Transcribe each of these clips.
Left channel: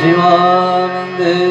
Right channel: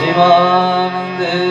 શિવાનંદેશ્વર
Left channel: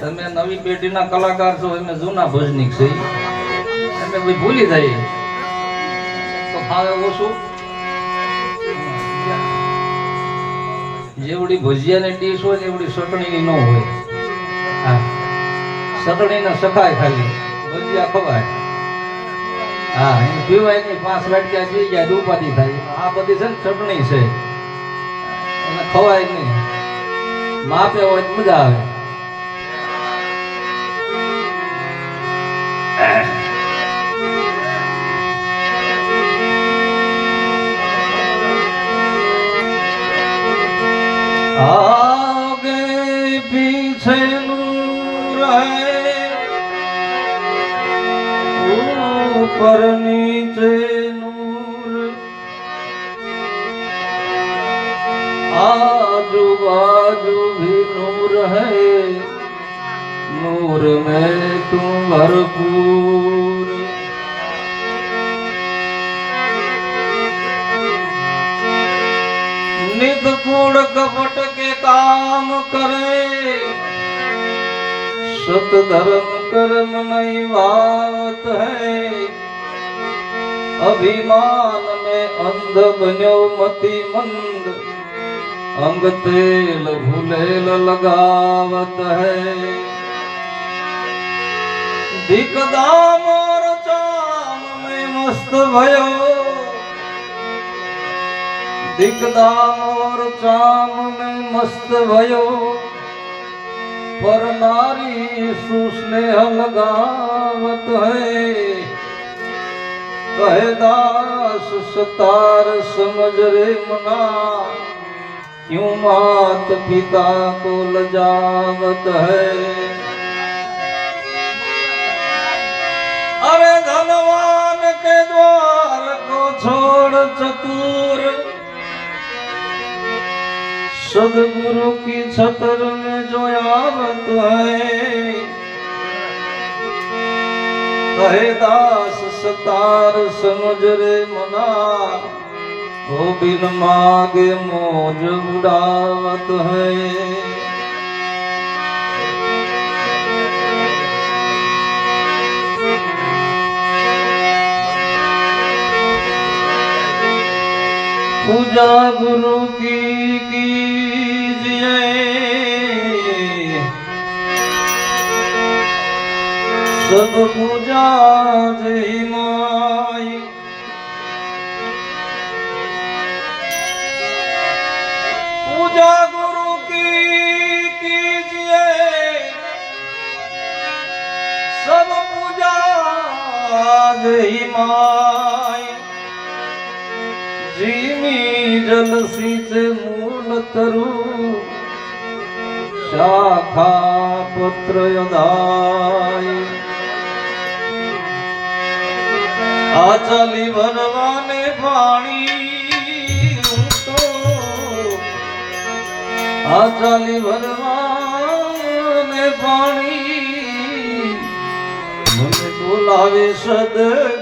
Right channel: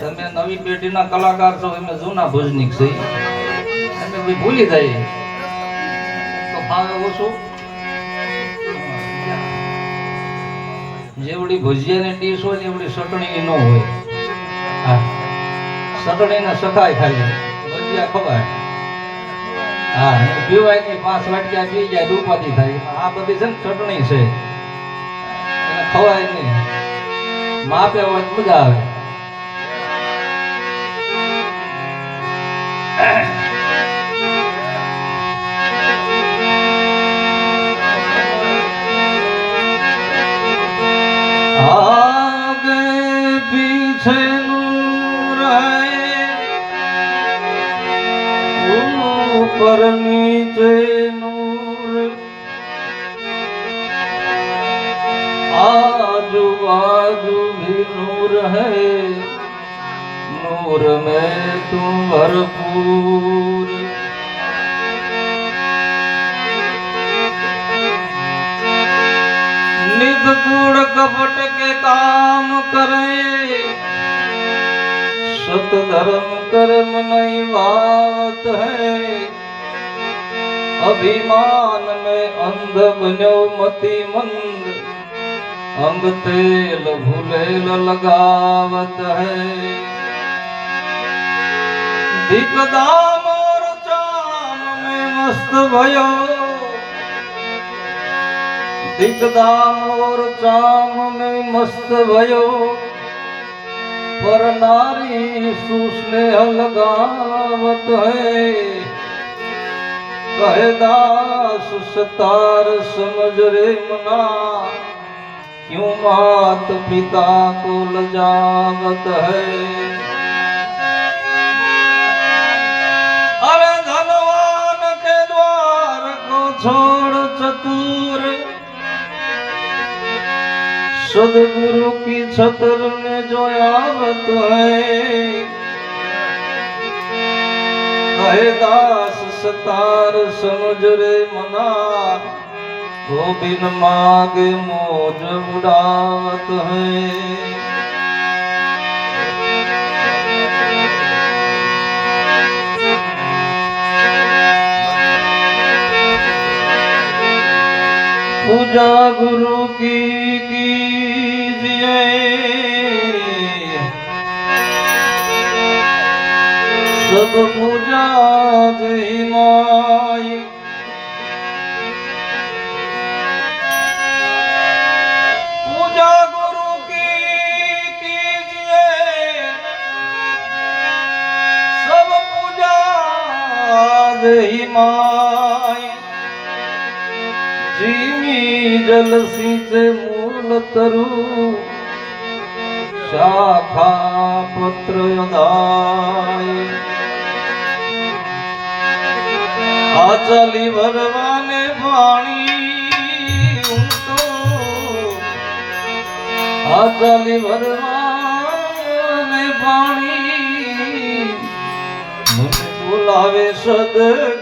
તમે નવી પેઢીના કલાકાર છો અમે જૂના ભજનિક છે અમે ભૂલી જઈએ. ફાવે ઓછું જેવડી ભજીયાની ડીશ હોય ને એવડી ચટણીની ન હોય. હા. ચટણીને શકાય ખાલી. ભજીયા ખવાય. હા એ પીવાય નહીં પાંચ વાટક્યા પી ગયા ઉપાધિ થાય. આ બધી છે ને ચટણી છે. એને ખવાય નહીં. માપે હોય મજા આવે. ऊपर नीचे नूर। आजू बाजू भी नूर है। नूर में तुम भरपूर। नित कूड़ कपट के काम करे। सुत धर्म कर्म नहीं भावत है। अभिमान में अंध बनो मति मंद अंग तेल भूलेल लगावत है दिक दाम और चाम में मस्त भयो दिग्दाम और चाम में मस्त भयो पर नारी सुस्नेह लगावत है कहे दास सतार समझ रे मुना। क्यों मात पिता को लजावत है? अरे धनवान के द्वार को छोड़ चतुर। सदगुरु की छतर में जो आवत है સતાર સમજ રે મના હો બિન માગે મોજ ઉડાવત હૈ. પૂજા ગુરુ કી કીજિયે સબ પૂજા જે જીમી જલસી છે મૂલ તરુ. શાખા પુત્ર યોદાય આ ચાલી ભરવાને પાણી આ ચાલી ભરવાને પાણી મને બોલાવે જ્ઞાન